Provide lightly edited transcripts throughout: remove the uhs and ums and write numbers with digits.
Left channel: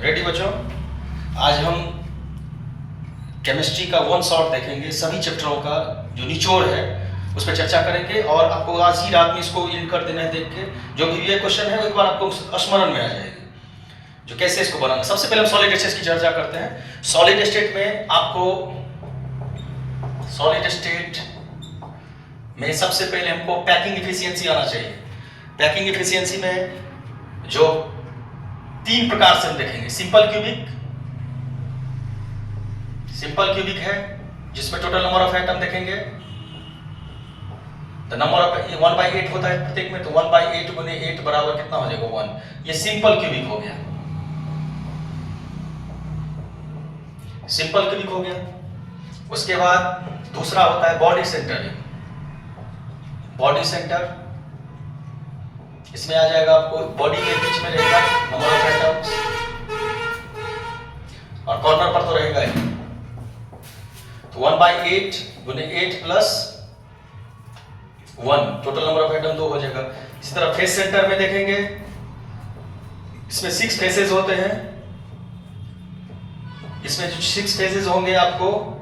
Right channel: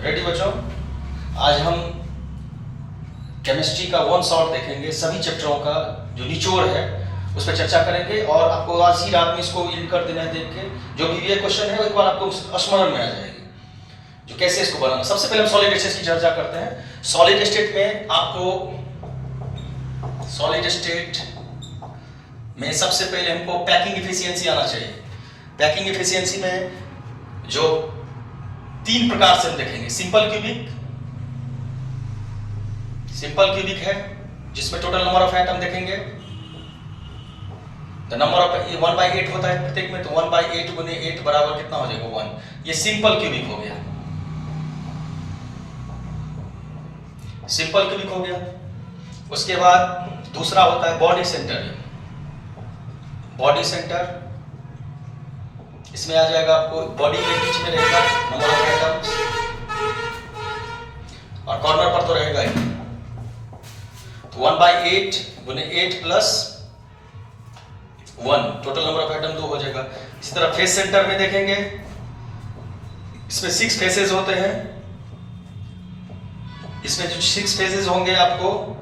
Ready बच्चों, आज हम केमिस्ट्री का वन शॉट देखेंगे। सभी चैप्टरों का जो निचोड़ है उस पर चर्चा करेंगे और आपको आज ही रात में इसको रीड कर देना है। देख के जो भी ये क्वेश्चन है एक बार आपको स्मरण में आ जाएगी जो कैसे इसको बनाना। सबसे पहले हम सॉलिड स्टेट की चर्चा करते हैं। सॉलिड स्टेट में आपको सबसे पहले हमको पैकिंग इफिशियंसी आना चाहिए। पैकिंग इफिशियंसी में जो तीन प्रकार से हम देखेंगे। सिंपल क्यूबिक है जिसमें टोटल नंबर ऑफ एटम देखेंगे। द नंबर ऑफ 1/8 होता है प्रत्येक में, तो 1/8 गुने 8 बराबर कितना हो जाएगा 1। ये सिंपल क्यूबिक हो गया। सिंपल क्यूबिक हो गया। उसके बाद दूसरा होता है बॉडी सेंटर। बॉडी सेंटर इसमें आ जाएगा आपको बॉडी के बीच में रहेगा नंबर ऑफ एटम्स और कॉर्नर पर तो रहेगा ही। तो 1/8 गुने 8 plus 1 total number of atom 2 हो जाएगा। इसी तरह फेस सेंटर में देखेंगे, इसमें 6 फेसेस होते हैं। इसमें जो 6 फेसेस होंगे आपको,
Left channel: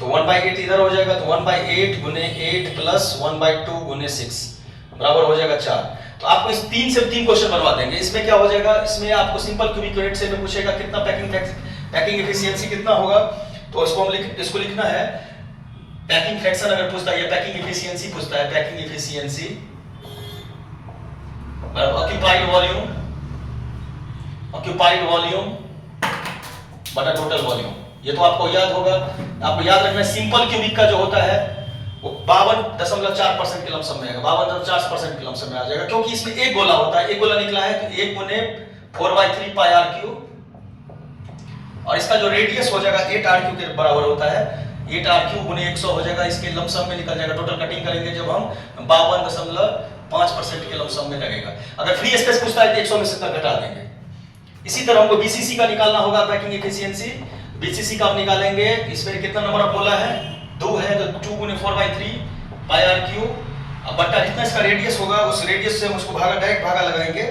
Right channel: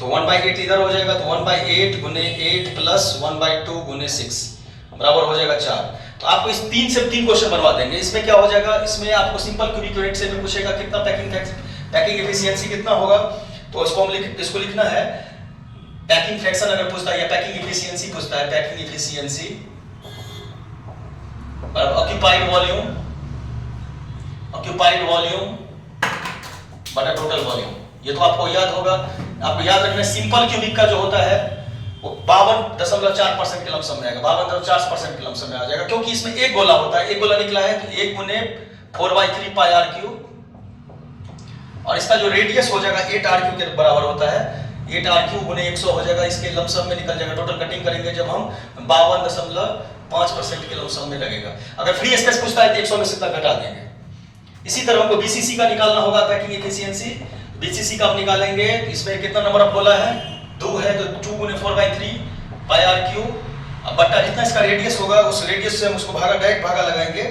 तो 1/8 इधर हो जाएगा, तो 1/8 गुने 8 प्लस 1/2 गुने 6 बराबर हो जाएगा 4। तो आपको इस 3 से 3 क्वेश्चन बनवा देंगे। इसमें क्या हो जाएगा, इसमें आपको सिंपल क्यूबिक यूनिट से में पूछेगा कितना पैकिंग एफिशिएंसी कितना होगा, तो इसको हम इसको लिखना है पैकिंग फ्रैक्शन अगर पूछता है या पैकिंग एफिशिएंसी पूछता है, पैकिंग एफिशिएंसी ऑक्यूपाइड वॉल्यूम बटा टोटल वॉल्यूम। ये तो आपको याद होगा। आपको याद रखना है सिंपल क्यूबिक का जो होता है वो 52.4% के लमसम में आएगा। 52.4% के लमसम में आ जाएगा, क्योंकि इसमें एक गोला होता है। एक गोला निकला है तो 1 गुने 4/3 पाई आर क्यूब, और इसका जो रेडियस हो जाएगा 8 आर क्यूब के बराबर होता है। 8 आर क्यूब गुने 100 हो जाएगा। इसके लमसम में निकल जाएगा। टोटल कटिंग करेंगे जब हम 52.5% के लमसम में लगेगा। अगर फ्री स्पेस पूछता है तो 100 में से इतना घटा देंगे। इसी तरह हमको बीसीसी का निकालना होगा, पैकिंग एफिशिएंसी। बीसीसी का आप निकालेंगे, इसमें कितना नंबर ऑफ गोला है 2 है, तो 2 गुने 4/3 पाई आर क्यूब। अब बट्टा जितना इसका रेडियस होगा उस रेडियस से हम उसको डायरेक्ट भागा लगाएंगे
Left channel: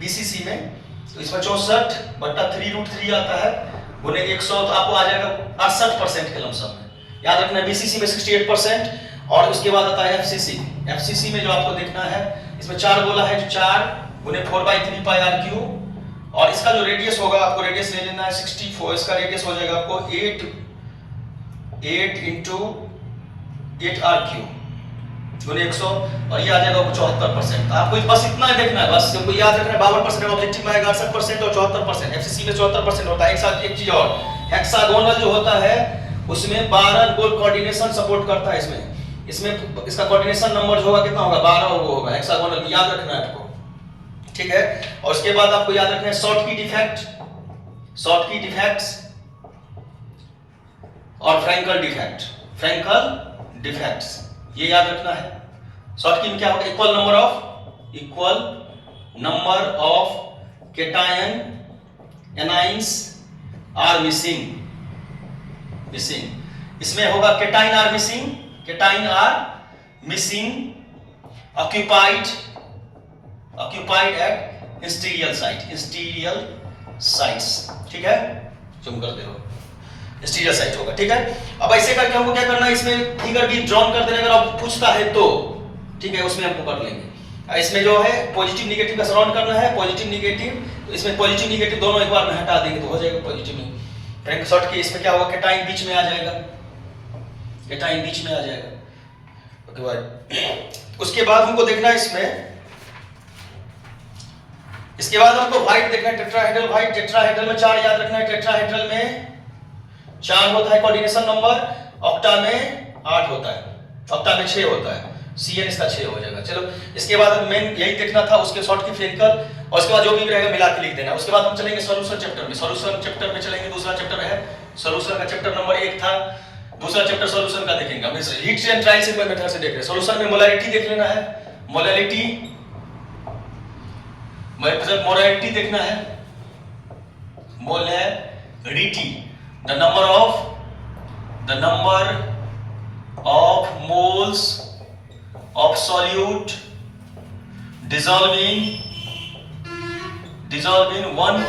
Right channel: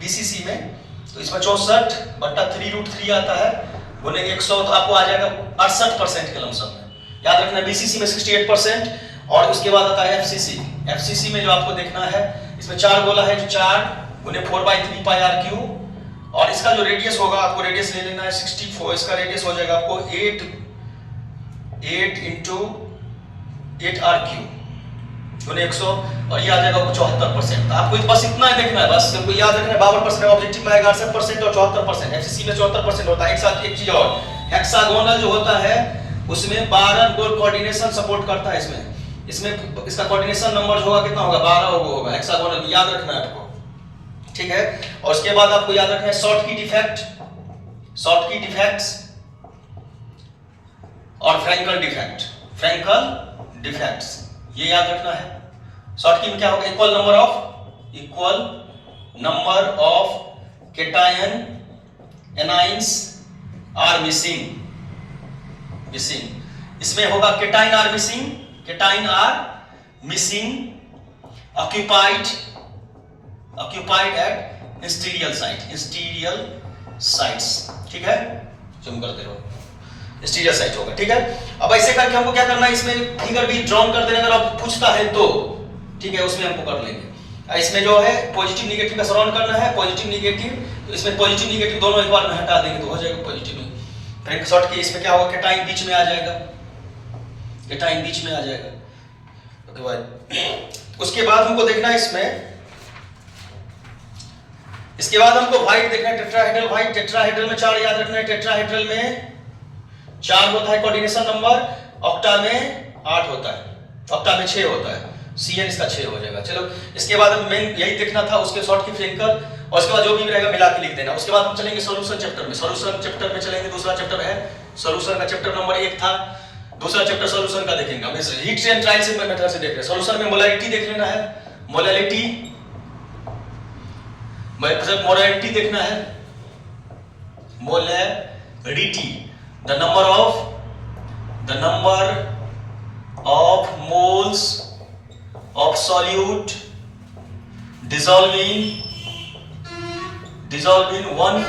बीसीसी में, तो इसमें 64 बट्टा 3√3 आता है गुने 100, तो आपको आ जाएगा 68% के लमसम में। याद रखना बीसीसी में 68% और उसके बाद आता है एफसीसी। एफसीसी में जो आपको देखना है, इसमें 4 गोला है, जो 4 गुने 4/3 पाई आर क्यूब, और इसका जो रेडियस होगा आपको रेडियस ले लेना है 64। इसका रेडियस हो जाएगा आपको 8 into 8 आर क्यूब गुने 100, और ये आ जाएगा 74%। आपको बस इतना ही देखना है, बस हमको याद रखना है 52% ऑब्जेक्टिव में आएगा 68% और 74%। एफसीसी में 74% होता है। एक साथ एक चीज और, हेक्सागोनल जो होता है उसमें 12 गोल कोऑर्डिनेशन सपोर्ट करता है। इसमें इसका कोऑर्डिनेशन नंबर जो होगा कितना होगा 12 होगा हेक्सागोनल में। याद रखना है आपको, ठीक है। और उसके बाद आपको याद रखना है शॉर्ट की डिफेक्ट्स और फ्रैंकल डिफेक्ट्स, ये याद रखना है। शॉर्ट की में क्या होगा, equal number of cation anions are missing. इसमें होगा cation are missing occupied at interstitial sites, ठीक है। जूम कर दे रहा हूं, इंस्टीरियर साइट होगा, ठीक है। अब ऐसे करके हमको क्या करना है, इसमें फिगर भी ड्रॉ कर देने, अगर पूछता है तो ठीक है उसमें हमको कर लेंगे। इसमें जो है पॉजिटिव निगेटिव का सराउंड करना है, पॉजिटिव निगेटिव, तो इसमें पॉजिटिव निगेटिव दोनों एक बार में हटा देंगे तो हो जाएगा पॉजिटिव में। फिर शॉर्ट की इसमें क्या होगा, केटाइन बीच में आ जाएगा। उसके बाद हमको देखना है इसके बाद हमको व्हाइट देखना है, टेट्राहेड्रल में 4 याद रखना है। टेट्राहेड्रल में 4 होता है कोऑर्डिनेशन नंबर, ऑक्टा में 8 होता है, ऑक्टा में 6 होता है, सीएन इसका 6 हो जाएगा। चलो इसके बाद हमें मेन यही देखना था, उसके शॉर्ट की फ्रैंकल, और उसके बाद जो भी रहेगा मिला के लिख देना। उसके बाद हम चलेंगे सॉल्यूशन चैप्टर में चलेंगे। दूसरा चैप्टर है सॉल्यूशन का, चैप्टर नंबर 1 था। दूसरा चैप्टर सॉल्यूशन का देखेंगे। हम हीट एंड ट्रांजिशन मेथड से देख रहे हैं। सॉल्यूशन में मोलैरिटी देख लेना है, मोलैरिटी देखना है, molarity the number of moles of solute dissolve in 1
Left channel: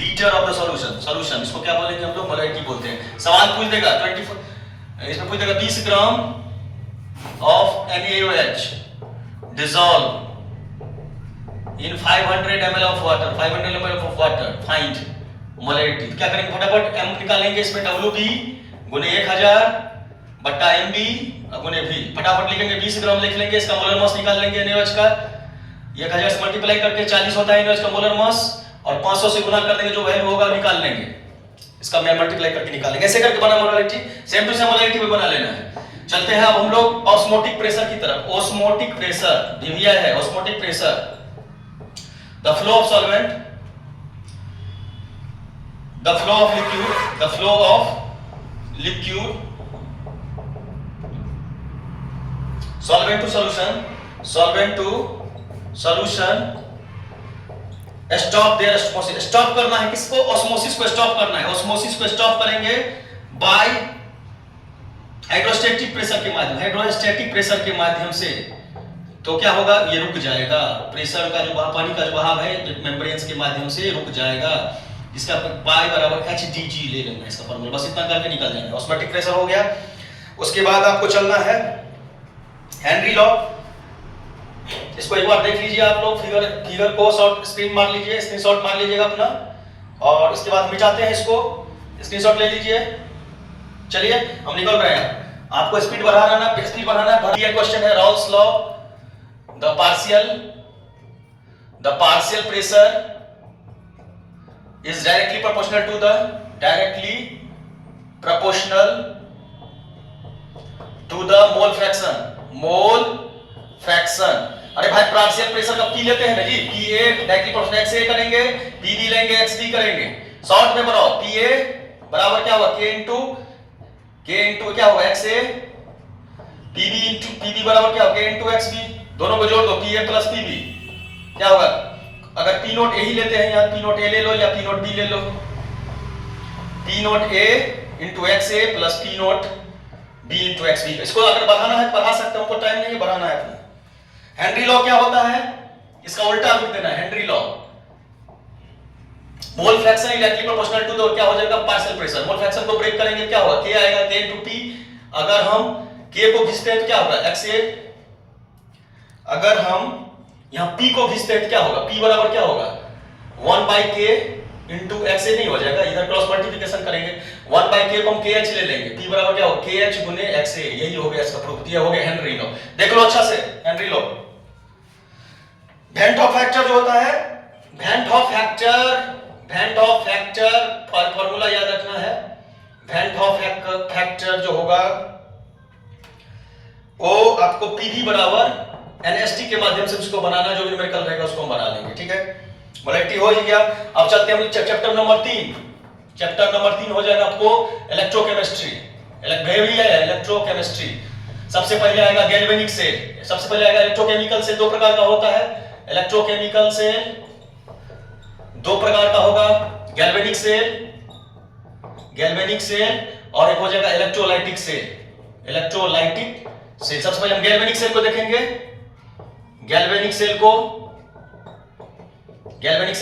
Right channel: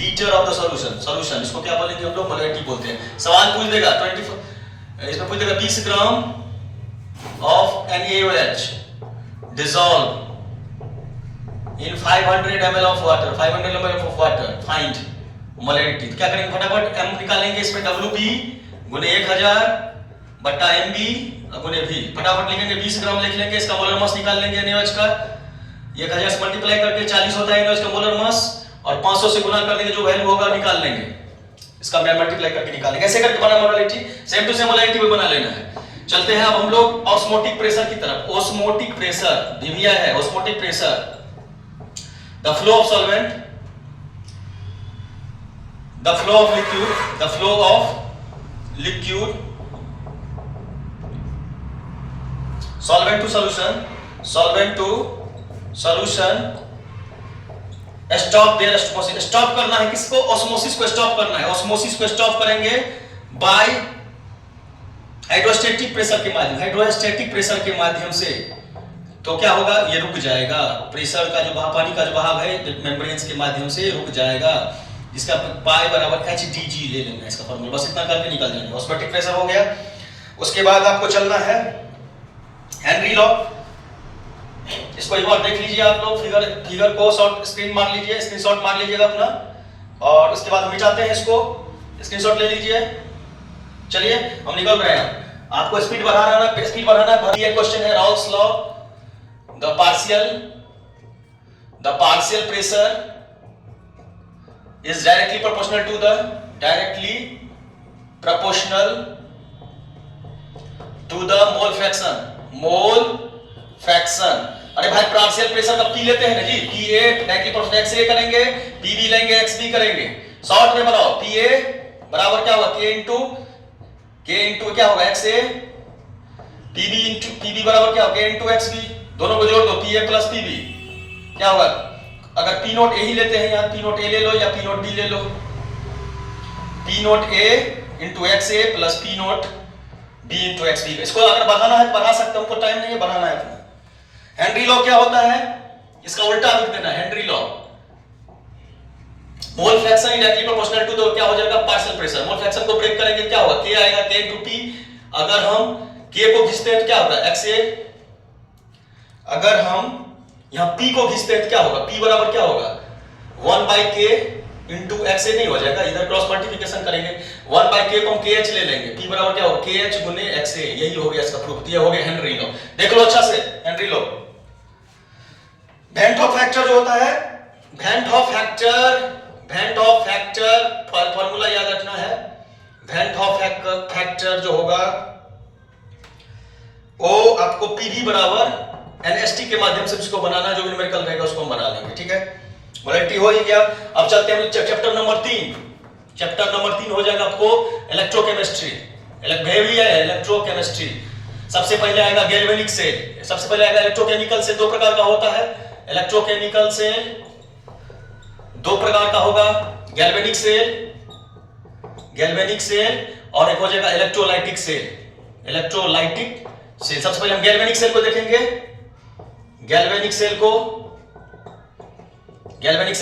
litre of the solution इसको क्या बोलेंगे हम लोग, मोलैरिटी बोलते हैं। सवाल पूछ देगा 24, इसमें पूछ देगा 20 gram of NaOH dissolve in 500 ml of water, 500 ml of water, find molarity. तो क्या करेंगे, फटाफट m निकालेंगे, इसमें WB गुने 1000 बट्टा MB गुने V, फटाफट लिखेंगे। 20 ग्राम लिख लेंगे, इसका मोलर मास निकाल लेंगे NaOH का, 1000 से मल्टीप्लाई करके 40 होता है NaOH का मोलर मास, और 500 से गुना कर लेंगे, जो वैल्यू होगा निकाल लेंगे, इसका मैं मल्टीप्लाई करके निकालेंगे। ऐसे करके बना molarity, same to same molarity भी बना लेना है। चलते हैं अब हम लोग ऑस्मोटिक प्रेशर की तरफ। ऑस्मोटिक प्रेशर दिया है, osmotic pressure, the flow of solvent, the flow of liquid, the flow of liquid, solvent to solution, solvent to solution, stop their osmosis. Stop करना है किसको, ऑस्मोसिस को स्टॉप करना है। ऑस्मोसिस को स्टॉप करेंगे बाय हाइड्रोस्टैटिक प्रेशर के माध्यम, हाइड्रोस्टैटिक प्रेशर के माध्यम से। तो क्या होगा, ये रुक जाएगा, प्रेशर का जो बहाव, पानी का जो बहाव है मेम्ब्रेन्स के माध्यम से रुक जाएगा, जिसका पाई बराबर HdG ले लेंगे इसका फॉर्मूला, बस इतना करके निकल जाएंगे। ऑस्मोटिक प्रेशर हो गया। उसके बाद आपको चलना है हेनरी लॉ। इसको एक बार देख लीजिए आप लोग, फिगर को शॉर्ट स्क्रीन मार लीजिए, स्क्रीनशॉट मार लीजिएगा अपना, और उसके बाद मिटाते हैं इसको, स्क्रीनशॉट ले लीजिए। चलिए हम निकल रहे हैं। आपको स्पीड बढ़ाना है, स्पीड बढ़ाना है। ये क्वेश्चन है Raoult's law, the partial pressure is directly proportional to the, directly proportional to the mole fraction, mole fraction. अरे भाई पार्शियल प्रेशर कब पी लेते हैं ना जी, PA डायरेक्टली प्रोपोर्शनल XA करेंगे, PB लेंगे, XB करेंगे। शॉर्ट में बनाओ, PA बराबर क्या होगा, K इंटू क्या होगा XA, PB बराबर क्या होगा, K इंटू XB, दोनों को जोड़ दो, PA प्लस PB क्या होगा। अगर P नोट A ही लेते हैं, यहाँ P नोट A ले लो या P नोट B ले लो, P note A into XA plus P note B into XB। इसको अगर बढ़ाना है तो बढ़ा सकते हैं, उनको टाइम नहीं है, बढ़ाना है अपना। हेनरी लॉ क्या होता है, इसका उल्टा लिख देना है। Henry law, mole fraction directly proportional to the क्या हो जाएगा, पार्शियल प्रेशर। मोल फ्रैक्शन को ब्रेक करेंगे क्या होगा, K आएगा, K इंटू T। अगर हम K को खींचते हैं तो क्या होगा, XA। अगर हम यहाँ P को खींचते हैं तो क्या होगा, P बराबर क्या होगा, 1 by K इंटू XA नहीं हो जाएगा, इधर क्रॉस मल्टीप्लिकेशन करेंगे, 1 by K को हम KH ले लेंगे, P बराबर क्या होगा, KH गुने XA। यही हो गया इसका प्रूफ, ये हो गया हेनरी लॉ। देख लो अच्छा से Henry law. Went of factor जो होता है, वेंट ऑफ फैक्टर फॉर्मूला याद रखना है। वेंट ऑफ फैक्टर जो होगा वो आपको PV बराबर NST के माध्यम से उसको बनाना, जो न्यूमेरिकल रहेगा उसको हम बना लेंगे, ठीक है। मोलैरिटी हो गया। अब चलते हैं चैप्टर नंबर 3। चैप्टर नंबर 3 हो जाएगा आपको इलेक्ट्रोकेमिस्ट्री, इलेक्ट्रोकेमिस्ट्री। सबसे पहले आएगा गैल्वेनिक सेल, सबसे पहले आएगा इलेक्ट्रोकेमिकल सेल। दो प्रकार का होता है इलेक्ट्रोकेमिकल सेल, दो प्रकार का होगा, गैल्वेनिक सेल और एक हो जाएगा इलेक्ट्रोलाइटिक सेल, इलेक्ट्रोलाइटिक सेल। सबसे पहले हम गैल्वेनिक सेल को देखेंगे। गैल्वेनिक सेल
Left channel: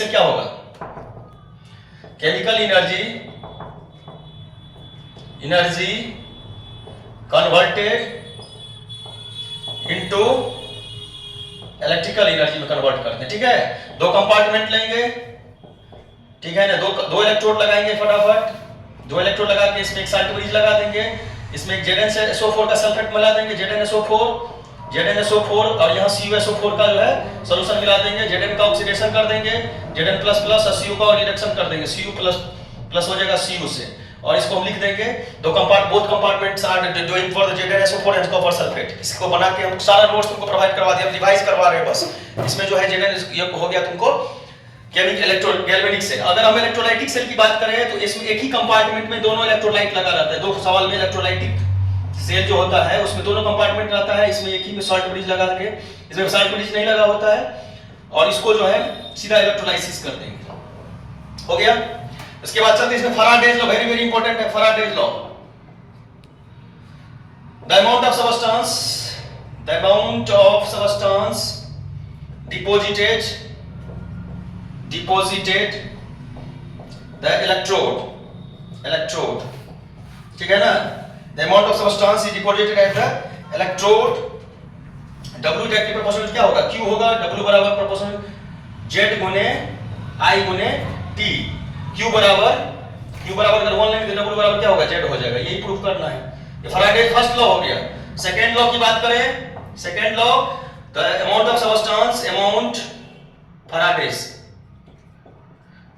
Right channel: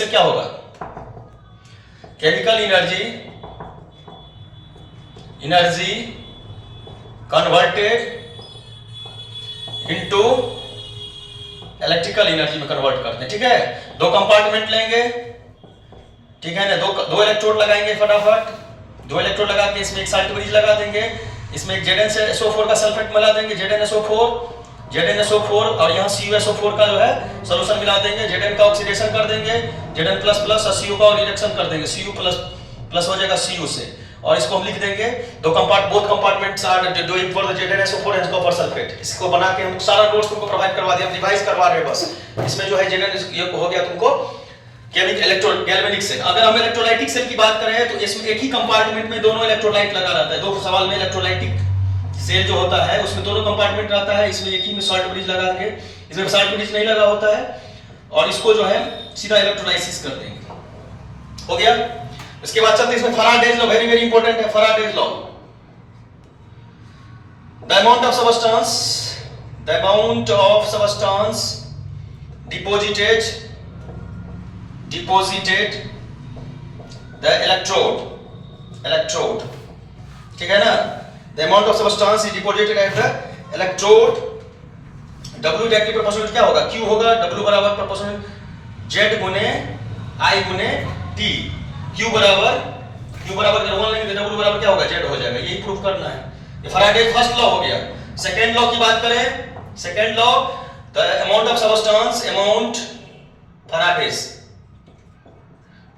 क्या होगा, chemical energy converted into electrical energy में कन्वर्ट करते हैं, ठीक है। दो कंपार्टमेंट लेंगे, ठीक है ना, दो इलेक्ट्रोड लगाएंगे फटाफट। दो इलेक्ट्रोड लगा के इसमें एक साल्ट ब्रिज लगा देंगे, इसमें एक ZnSO4 का सल्फेट मिला देंगे, ZnSO4 और यहाँ CuSO4 का जो है सॉल्यूशन मिला देंगे। Zn का ऑक्सीडेशन कर देंगे, Zn++ और Cu का रिडक्शन कर देंगे, Cu+ हो जाएगा Cu से, और इसको हम लिख देंगे both compartments are doing for the ZnSO4 and copper sulphate. इसको बना के हम सारा नोट्स तुमको प्रोवाइड करवा दिया, रिवाइज करवा रहे हैं बस। इसमें जो है Zn ये हो गया तुमको गैल्वेनिक सेल। अगर हम इलेक्ट्रोलाइटिक सेल की बात करें तो इसमें एक ही कंपार्टमेंट में दोनों इलेक्ट्रोलाइट लगा रहता है। दो सवाल में इलेक्ट्रोलाइटिक सेल जो होता है उसमें दोनों कंपार्टमेंट रहता है, इसमें एक ही में सॉल्ट ब्रिज लगा देंगे, इसमें सॉल्ट ब्रिज नहीं लगा होता है, और इसको जो है सीधा इलेक्ट्रोलाइसिस कर देंगे। हो गया। इसके बाद चलते इसमें Faraday's law, very very important है Faraday's law. The amount of substance deposited the electrode, ठीक है ना, the amount of substance is deposited at the electrode, W directly proportional क्या होगा, Q होगा, W बराबर प्रोपोर्शनल Z गुने I गुने T, Q बराबर अगर 1 लेंगे तो W बराबर क्या होगा, Z हो जाएगा। यही प्रूफ करना है। ये फैराडे फर्स्ट लॉ हो गया। सेकेंड लॉ की बात करें, second law, the amount of substance, Faraday's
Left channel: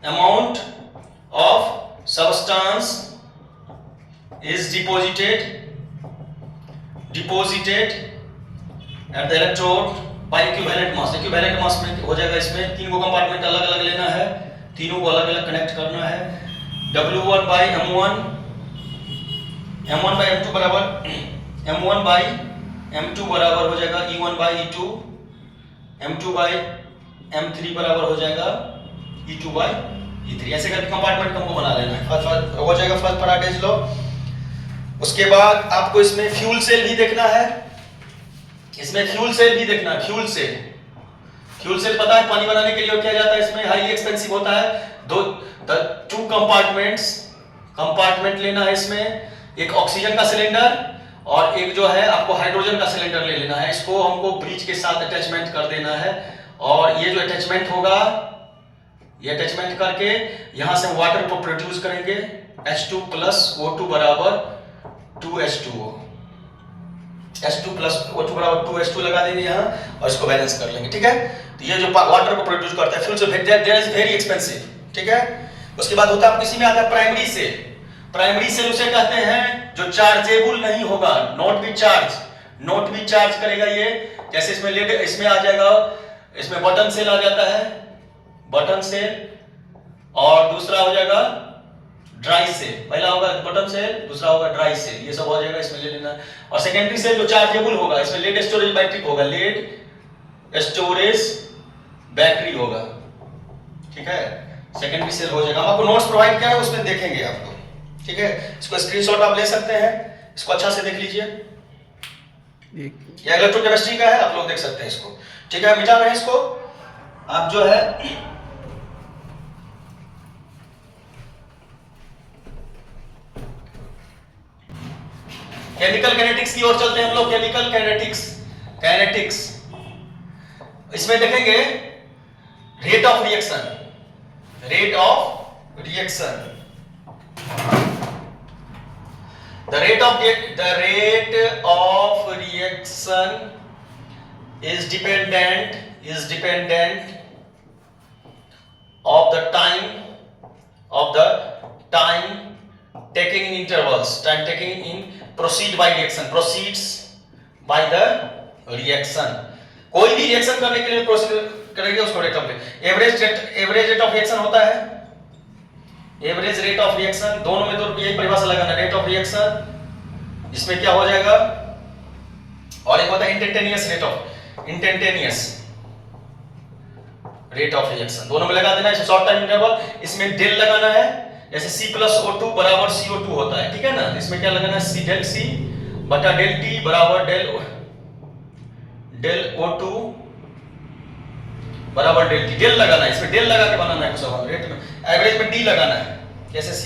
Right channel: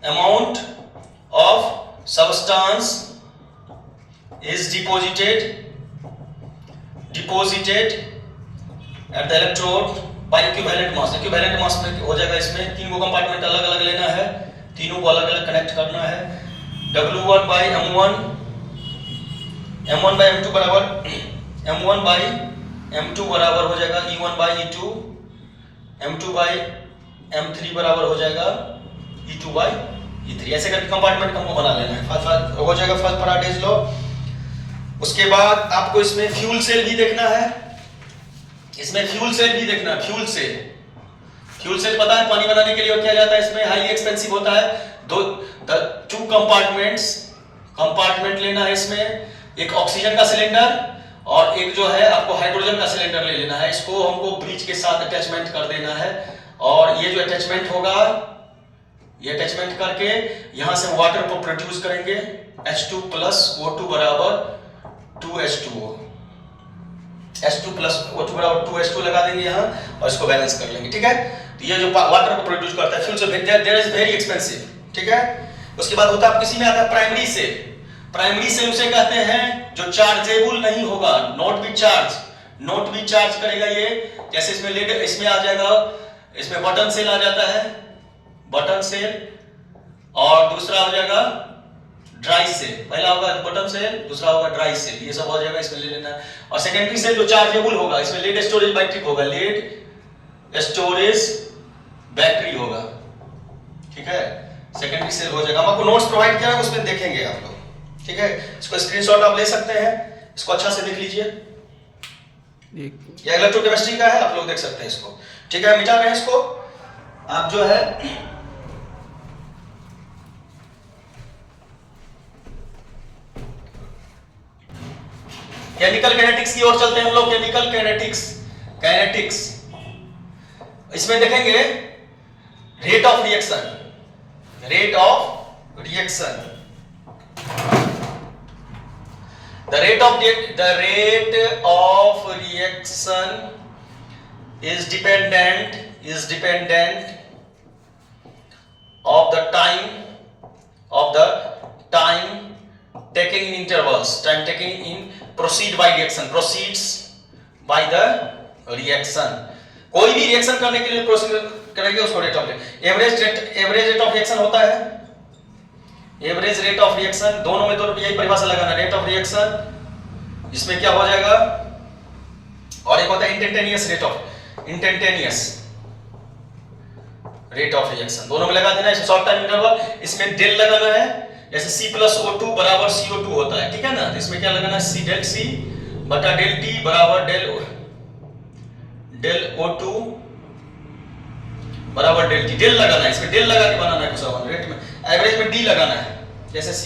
amount of substance is deposited at the electrode by equivalent mass। equivalent mass में हो जाएगा, इसमें तीन को कंपार्टमेंट अलग अलग लेना है, तीनों को अलग अलग कनेक्ट करना है। W1 by M1, M1 by M2 बराबर M1 by M2 बराबर हो जाएगा E1 by E2, M2 by M3 बराबर हो जाएगा E2 by E3। ऐसे करके कंपार्टमेंट हमको बना लेना है। हो जाएगा फर्स्ट फैराडेज लॉ। उसके बाद आपको इसमें फ्यूल सेल भी देखना है, फ्यूल सेल पता है पानी बनाने के लिए क्या जाता है, इसमें हाईली एक्सपेंसिव होता है। टू कंपार्टमेंट लेना है, इसमें एक ऑक्सीजन का सिलेंडर और एक जो है आपको हाइड्रोजन का सिलेंडर ले लेना है। इसको हमको ब्रिज के साथ अटैचमेंट कर देना है, और ये जो अटैचमेंट होगा, ये अटैचमेंट करके यहां से हम वाटर को प्रोड्यूस करेंगे, H2 प्लस O2 बराबर 2H2O, H2 प्लस O2 बराबर 2H2 लगा देंगे यहाँ, और इसको बैलेंस कर लेंगे। ठीक है, तो ये जो वाटर को प्रोड्यूस करता है फ्यूल से, देयर इज वेरी एक्सपेंसिव। ठीक है, उसके बाद होता है किसी में आता है प्राइमरी सेल उसे कहते हैं जो चार्जेबल नहीं होगा, नॉट बी चार्ज करेगा। ये जैसे इसमें लेड, इसमें आ जाएगा, इसमें बटन सेल आ जाता है, बटन सेल, और दूसरा हो जाएगा ड्राई सेल। पहला होगा बटन सेल, दूसरा होगा ड्राई सेल, ये सब हो जाएगा, इसमें ले लेना है। और सेकेंडरी सेल जो चार्जेबल होगा, इसमें लेड स्टोरेज बैटरी होगा, लेड स्टोरेज बैटरी होगा। ठीक है, सेकेंडरी सेल हो जाएगा। हम आपको नोट्स प्रोवाइड किया है, उसमें देखेंगे आप लोग। ठीक है, इसको स्क्रीनशॉट आप ले सकते हैं, इसको अच्छा से देख लीजिए। ये इलेक्ट्रोकेमिस्ट्री का है, आप लोग देख सकते हैं इसको। ठीक है, मिटा रहे हैं इसको। आप जो है केमिकल काइनेटिक्स की ओर चलते हैं हम लोग। केमिकल काइनेटिक्स इसमें देखेंगे rate of reaction, the rate of reaction is dependent of the time taken in intervals, proceeds by the reaction। कोई भी रिएक्शन करने के लिए प्रोसीड करेंगे उसको rate of average rate of reaction होता है। एवरेज रेट ऑफ रिएक्शन, दोनों में तो यही परिभाषा लगाना, रेट ऑफ रिएक्शन, इसमें क्या हो जाएगा, और एक होता है इंस्टेंटेनियस रेट ऑफ रिएक्शन, दोनों में लगा देना है। शॉर्ट टाइम इंटरवल, इसमें डेल लगाना है, जैसे C प्लस O2 बराबर CO2 होता है। ठीक है ना, तो इसमें क्या लगाना है, C डेल C बटा डेल T बराबर डेल O2 बराबर डेल T। डेल लगाना है, इसमें डेल लगा के बनाना है कुछ रेट में। एवरेज में D लगाना है, जैसे C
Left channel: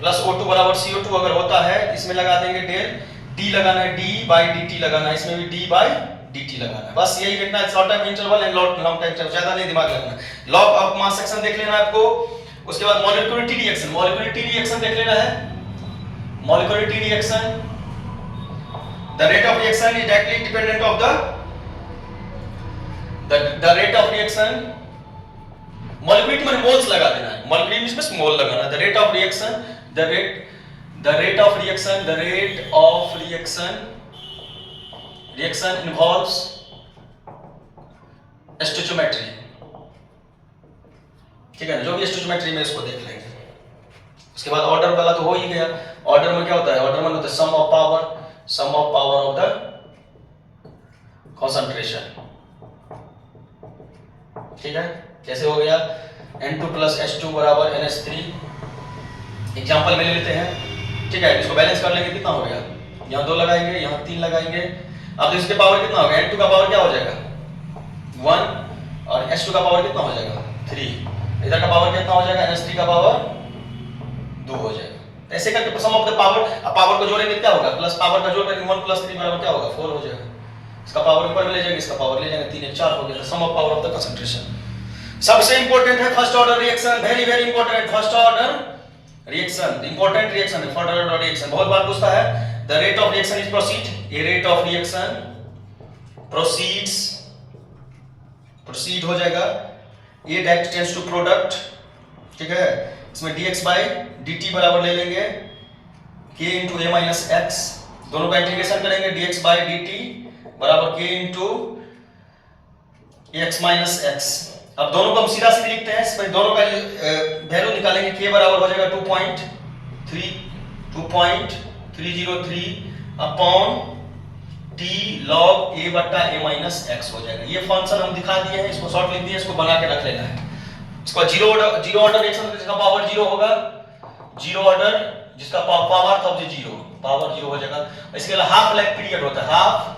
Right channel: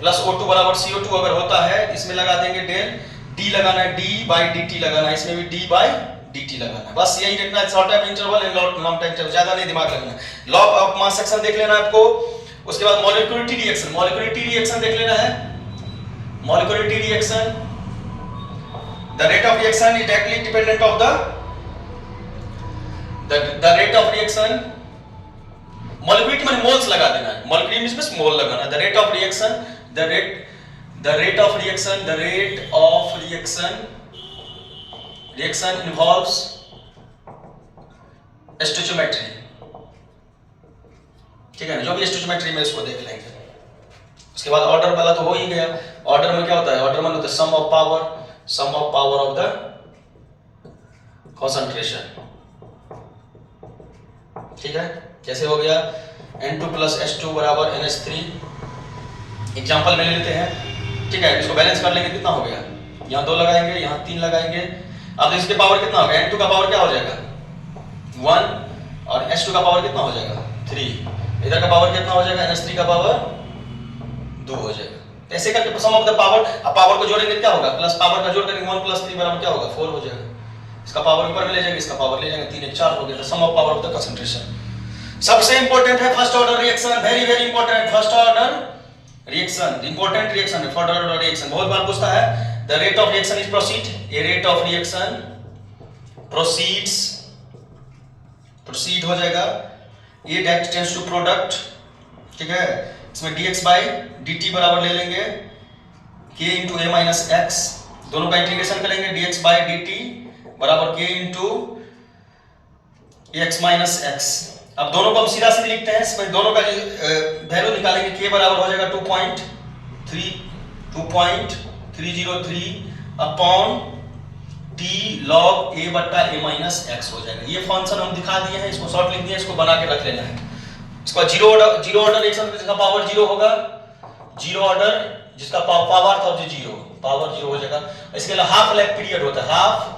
प्लस O2 बराबर CO2 अगर होता है, इसमें लगा देंगे डेल, D लगाना है, D बाई dt लगाना है, इसमें भी D बाई dt लगाना है। बस यही देखना है, short time interval and long time interval, ज्यादा नहीं दिमाग लगाना। लॉ ऑफ मास सेक्शन देख लेना आपको। उसके बाद मॉलिक्यूलरिटी रिएक्शन देख लेना है। Molecularity reaction, the rate of reaction is directly dependent of the rate of reaction. Molecularity माने मोल्स लगा देना है, मॉलिक्यूलरिटी में मोल लगाना है। The rate of reaction, reaction involves stoichiometry. ठीक है, जो भी स्टोइचियोमेट्री में इसको देख लेंगे। उसके बाद ऑर्डर वाला तो हो ही गया। ऑर्डर में क्या होता है, ऑर्डर में होता है sum of power of the concentration. ठीक है, कैसे हो गया, N2 प्लस H2 बराबर NH3। एग्जाम्पल में ले लेते हैं। ठीक है, इसको बैलेंस कर लेंगे, कितना हो गया, यहाँ 2 लगाएंगे, यहाँ 3 लगाएंगे। अब इसके पावर कितना होगा, N2 का पावर क्या हो जाएगा 1, और H2 का पावर कितना हो जाएगा 3। इधर का पावर कितना हो जाएगा, NH3 का पावर 2 हो जाएगा। ऐसे करके सम ऑफ द पावर, अब पावर को जोड़ेंगे क्या होगा, प्लस पावर का जोड़ करके 1 + 3 बराबर क्या होगा 4 हो जाएगा। इसका पावर ऊपर में ले जाएंगे, इसका पावर ले जाएंगे, 3 1 4 हो गया। Sum of power of the concentration. सबसे इंपॉर्टेंट है first order reaction, very very important. First order reaction, important reaction, first order reaction बहुत बार पूछता है। The rate of reaction is proceed, a rate of reaction proceeds, proceed हो जाएगा, a that tends to product, ठीक है। इसमें dx/dt बराबर ले लेंगे k × a - x, दोनों का इंटीग्रेशन करेंगे, dx/dt बराबर k × x - x। अब दोनों को हम सीधा सीधे लिखते हैं, इसमें दोनों का वैल्यू निकालेंगे, k बराबर हो जाएगा 2.303 upon t log a/a - x हो जाएगा। ये फंक्शन हम दिखा दिए हैं, इसको शॉर्ट लिख दिए, इसको बना के रख लेना है। इसका जीरो ऑर्डर रिएक्शन जिसका पावर 0 होगा, जीरो ऑर्डर जिसका पावर था वो 0, पावर 0 हो जाएगा। इसके अलावा हाफ लाइफ पीरियड होता है, हाफ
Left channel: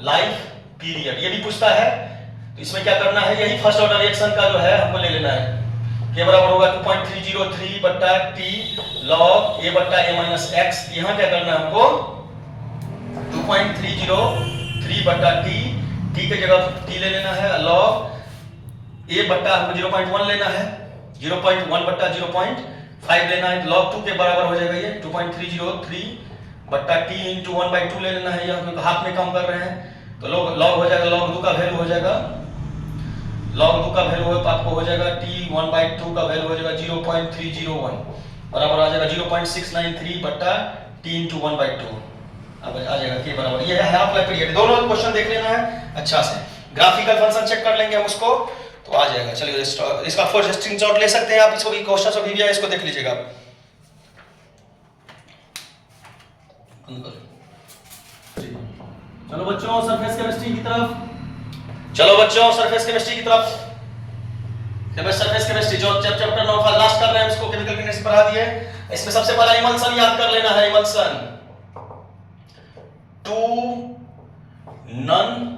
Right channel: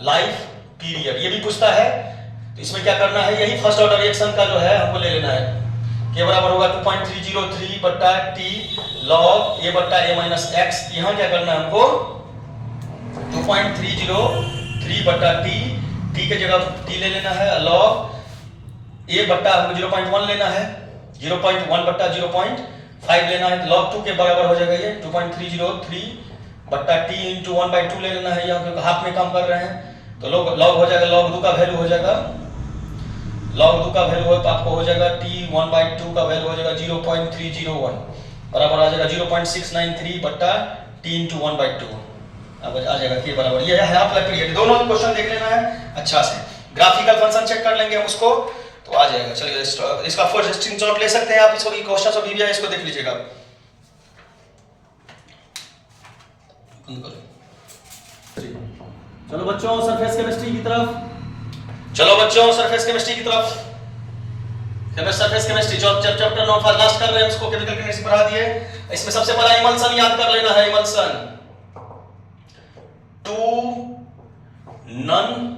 लाइफ पीरियड, ये भी पूछता है। तो इसमें क्या करना है, यही फर्स्ट ऑर्डर रिएक्शन का जो है हमको ले लेना है। k बराबर होगा 2.303 बटा t log a/a - x। यहाँ क्या करना है हमको 2.303 बटा t के जगह t ले लेना है, log a बटा हमको 0.1 लेना है, 0.1 बटा 0.5 लेना है, log 2 के बराबर हो जाएगा ये 2.303 बटा t × 1/2 ले लेना है, यहाँ हाफ में काम कर रहे हैं तो log हो जाएगा, log 2 का वैल्यू हो जाएगा, log 2 का वैल्यू आपको हो जाएगा t 1/2 का वैल्यू हो जाएगा 0.301 बराबर आ जाएगा 0.693 बटा t × 1/2, अब आ जाएगा k बराबर, ये है हाफ लाइफ पीरियड। दोनों क्वेश्चन देख लेना है अच्छा से, ग्राफिकल फंक्शन चेक कर लेंगे हम उसको तो आ जाएगा। चलिए इसका फर्स्ट स्क्रीनशॉट ले सकते हैं आप, इसको भी क्वेश्चन और दिया है, इसको देख लीजिएगा। चलो बच्चों सरफेस केमिस्ट्री की तरफ, चलो बच्चों सरफेस केमिस्ट्री की तरफ। सरफेस केमिस्ट्री जो चैप्टर 9 लास्ट कर रहे हैं, इसको केमिकल केमिस्ट्री पढ़ा दिए। इसमें सबसे पहला इमल्सन याद कर लेना है, इमल्सन 2 नन।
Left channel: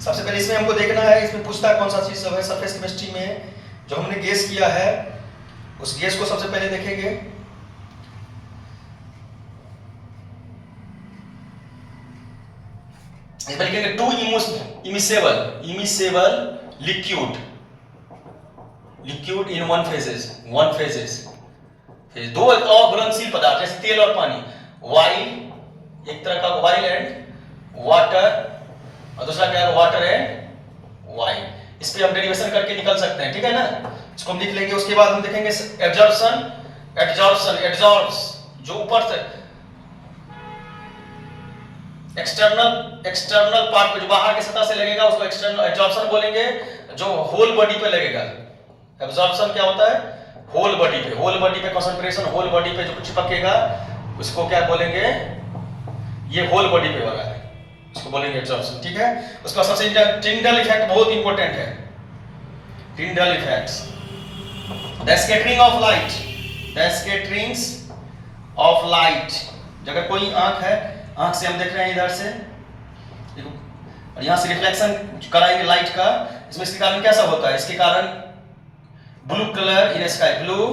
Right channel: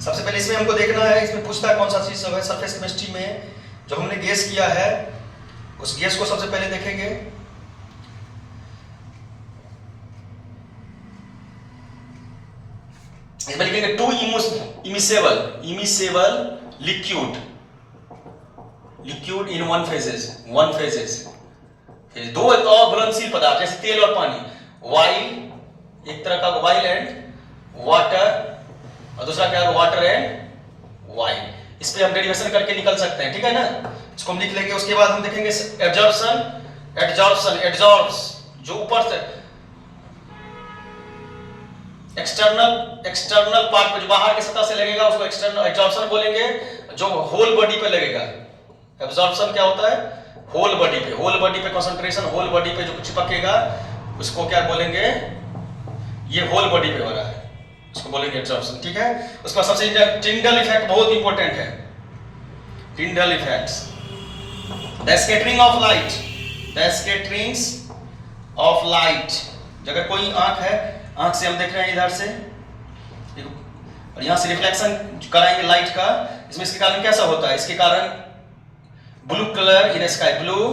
सबसे पहले इसमें हमको देखना है, इसमें पूछता है कौन सा चीज सब है सरफेस केमिस्ट्री में जो हमने गैस किया है, उस गैस को सबसे पहले देखेंगे। इसमें लिखेंगे 2 immiscible liquid in one phases, दो अघुलनशील पदार्थ जैसे तेल और पानी, वाइल एक तरह का वाइल एंड वाटर और दूसरा क्या है वाटर एंड वाइन। इस पे हम डेरिवेशन करके निकल सकते हैं, ठीक है ना, इसको हम लिख लेंगे। उसके बाद हम देखेंगे एड्जॉर्प्शन जो ऊपर से एक्सटर्नल पार्ट पे जो बाहर की सतह से लगेगा उसको एक्सटर्नल एड्जॉर्प्शन बोलेंगे, जो होल बॉडी पे लगेगा। एब्जॉर्प्शन क्या होता है, होल बॉडी पे कंसंट्रेशन, होल बॉडी पे जो चिपकेगा उसको क्या बोलेंगे, ये होल बॉडी पे हो रहा है, इसको बोलेंगे एब्जॉर्प्शन, ठीक है। उसका सबसे टिंडल इफेक्ट बहुत इंपॉर्टेंट है, टिंडल effects, the scattering of light. अगर कोई आंख है, आंख से हम देख रहे हैं इधर से और यहां से रिफ्लेक्शन कराएंगे लाइट का, इसमें इसके कारण कैसा होता है, इसके कारण ब्लू कलर इन स्काई, ब्लू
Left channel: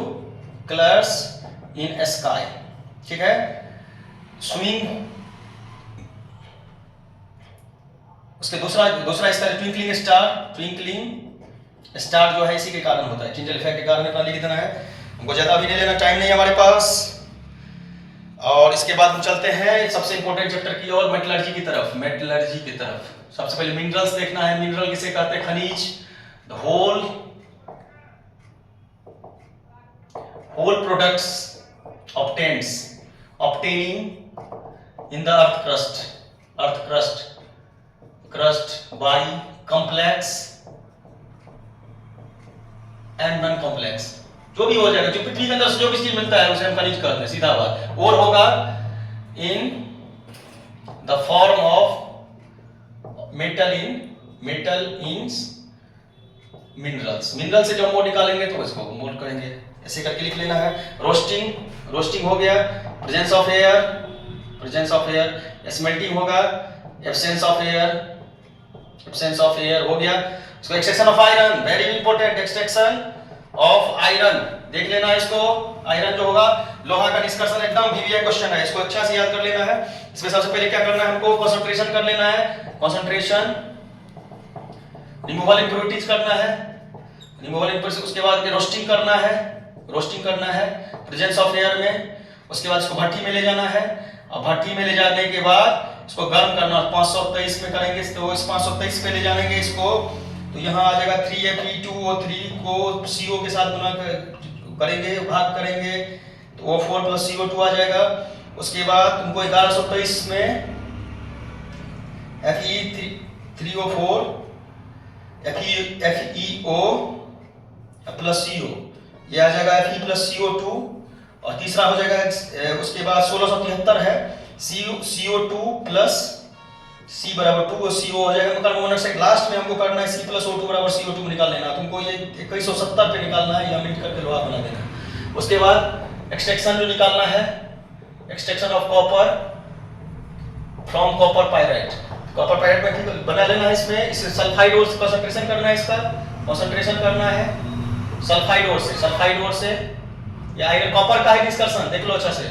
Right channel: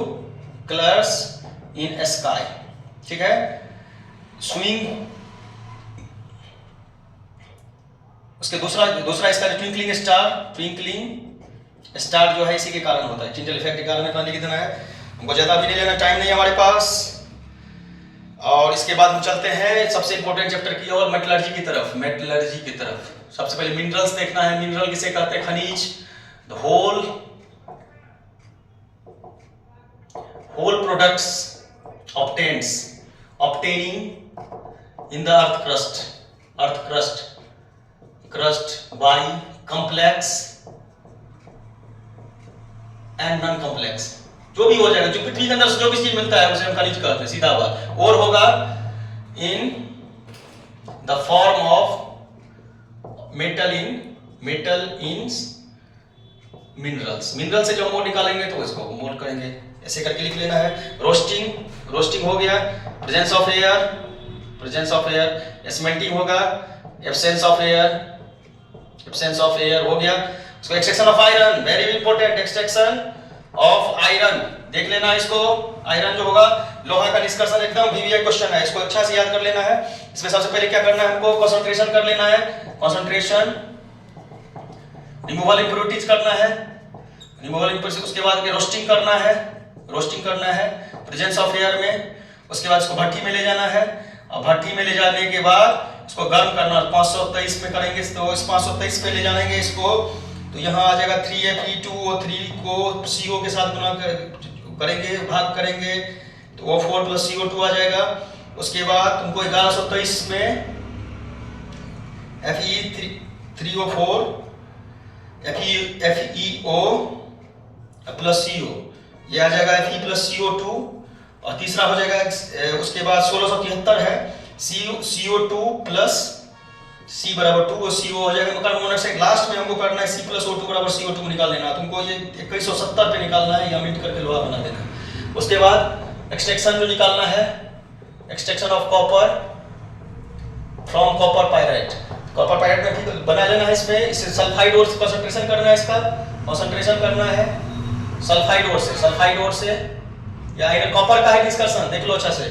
कलर्स इन स्काई, ठीक है। स्विंग, उसके दूसरा इसका ट्विंकलिंग स्टार जो है इसी के कारण होता है, टिंडल इफेक्ट के कारण इतना लिख देना है, हमको ज्यादा भी नहीं लेना, टाइम नहीं है हमारे पास। और इसके बाद हम चलते हैं सबसे इंपॉर्टेंट चैप्टर की ओर, मेटलर्जी की तरफ। सबसे पहले मिनरल्स देखना है, मिनरल किसे कहते हैं, खनिज, the whole products obtaining in the earth crust by complex and non complex, जो भी हो जाएगा, जो पृथ्वी के अंदर जो भी चीज मिलता है उसे हम खनिज कहते हैं, सीधा बात। और होगा in the form of metal in mineral से जो मोल निकालेंगे तो इसको मोल करेंगे, ऐसे करके लिख लेना है। रोस्टिंग हो गया, प्रेजेंस ऑफ एयर, स्मेल्टिंग होगा, एब्सेंस ऑफ एयर हो गया। उसको extraction of iron, very important, extraction of iron, देख लेना इसको। आयरन जो होगा लोहा का निष्कर्षण, एकदम वीवीआई क्वेश्चन है, इसको अच्छा से याद कर लेना है। इसमें सबसे पहले क्या करना है हमको, कंसंट्रेशन कर लेना है, कंसंट्रेशन, रिमूवल इंप्योरिटीज करना है, रिमूवल इंप्योरिटीज, उसके बाद रोस्टिंग करना है, रोस्टिंग करना है प्रेजेंस ऑफ एयर में। उसके बाद इसको भट्टी में ले जाना है, और भट्टी में ले जाने के बाद इसको गर्म करना, 523 में करेंगे तो इस 523 पे ले जाएंगे इसको, तो यहाँ आ जाएगा 3Fe2O3 को CO के साथ गुना करेंगे, भाग करेंगे तो O4 प्लस CO2 आ जाएगा। उसके बाद तुमको 1123 में Fe3O4 FeO प्लस CO, ये आ जाएगा Fe प्लस CO2, और तीसरा हो जाएगा उसके बाद 1673 है CO2 प्लस C बराबर 2, CO हो जाएगा कार्बन मोनोऑक्साइड। लास्ट में हमको करना है C प्लस O2 बराबर CO2 निकाल लेना, तुमको ये 2170 पे निकालना है, या मीट करके लोहा बना देना। उसके बाद एक्सट्रैक्शन जो निकालना है, extraction of copper from copper pyrite, copper pyrite में ठीक बना लेना है। इसमें इसे सल्फाइड ओर से कंसंट्रेशन करना है, इसका कंसंट्रेशन करना है सल्फाइड ओर से, सल्फाइड ओर से, या आयरन कॉपर का है निष्कर्षण, देख लो अच्छा से।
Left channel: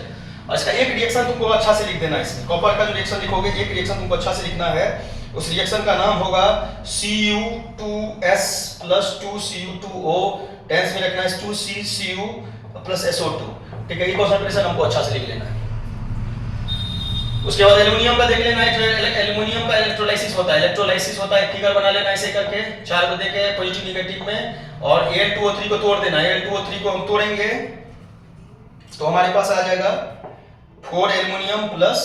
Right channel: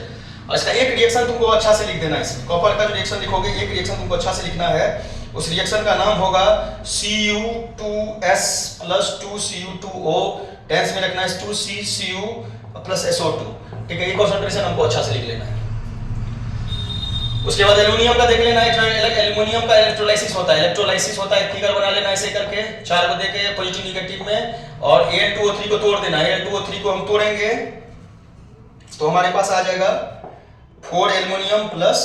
और इसका एक रिएक्शन तुमको अच्छा से लिख देना है, इसमें कॉपर का जो रिएक्शन लिखोगे एक रिएक्शन तुमको अच्छा से लिखना है, उस रिएक्शन का नाम होगा Cu2S प्लस 2Cu2O, टेंस में रखना है 2CCu प्लस SO2, ठीक है। ये कंसंट्रेशन हमको अच्छा से लिख लेना है। उसके बाद एल्युमिनियम का देख लेना है, एल्युमिनियम का इलेक्ट्रोलाइसिस होता है, इलेक्ट्रोलाइसिस होता है, फिगर बना लेना ऐसे करके, चार को देके पॉजिटिव निगेटिव में, और Al2O3 को तोड़ देना है। Al2O3 को हम तोड़ेंगे तो हमारे पास आ जाएगा 4 एल्युमिनियम प्लस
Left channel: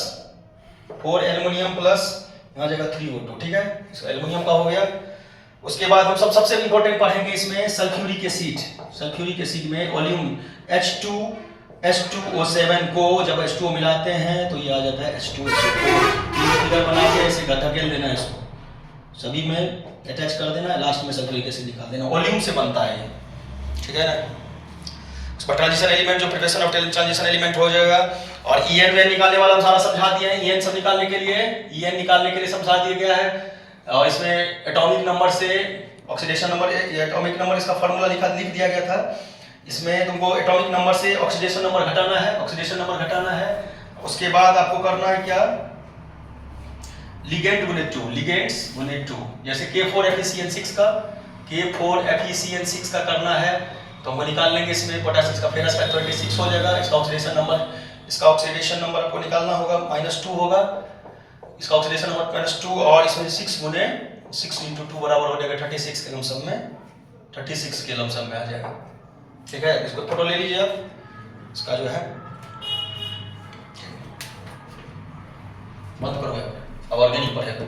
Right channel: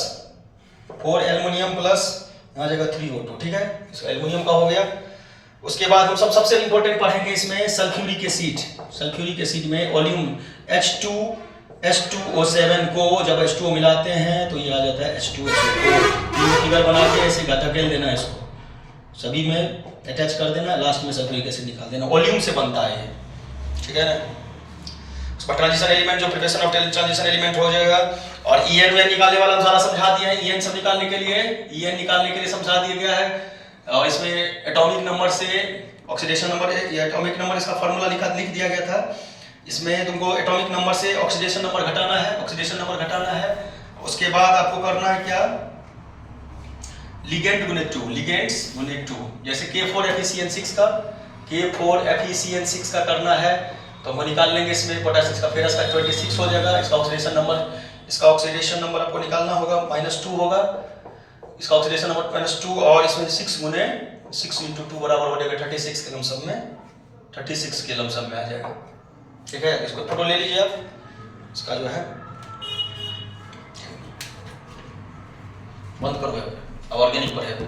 यहाँ जाएगा 3O2, ठीक है, इसका एल्युमिनियम का हो गया। उसके बाद हम सबसे इंपॉर्टेंट पढ़ेंगे इसमें सल्फ्यूरिक एसिड, सल्फ्यूरिक एसिड में वॉल्यूम H2SO7 को जब H2O मिलाते हैं तो ये आ जाता है H2SO4, फिगर बना के ऐसे धकेल देना है, इसको सभी में अटैच कर देना है, लास्ट में सल्फ्यूरिक एसिड निकाल देना, वॉल्यूम से बनता है ये, ठीक है ना। उसका ट्रांजिशन एलिमेंट जो प्रिपरेशन ऑफ ट्रांजिशन एलिमेंट हो जाएगा। और EN निकालने वाला हम सारा समझा दिया है, EN सब निकालने के लिए, EN निकालने के लिए समझा दिया गया है। और इसमें एटॉमिक नंबर से ऑक्सीडेशन नंबर, ये एटॉमिक नंबर इसका फार्मूला लिख दिया गया था। इसमें तुमको एटॉमिक नंबर से ऑक्सीडेशन नंबर घटाना है, ऑक्सीडेशन नंबर घटाना है। उसके बाद आपको करना है क्या, लिगेंड गुने 2, लिगेंड्स गुने 2, जैसे K4FeCN6 का, K4FeCN6 का करना है तो हम निकाल लेंगे। इसमें पोटेशियम का फेरस का 26 हो जाएगा, इसका ऑक्सीडेशन नंबर आपको निकालना होगा, -2 होगा, इसका ऑक्सीडेशन नंबर -2, और इसमें 6 गुने 6 × 2 बराबर हो जाएगा 36 के लमसम में, 36 के लमसम में आ जाएगा, ठीक है। इसको फोटो ले लीजिए आप, इसका जो है बंद करो, अब ऑर्गेनिक पढ़ेगा।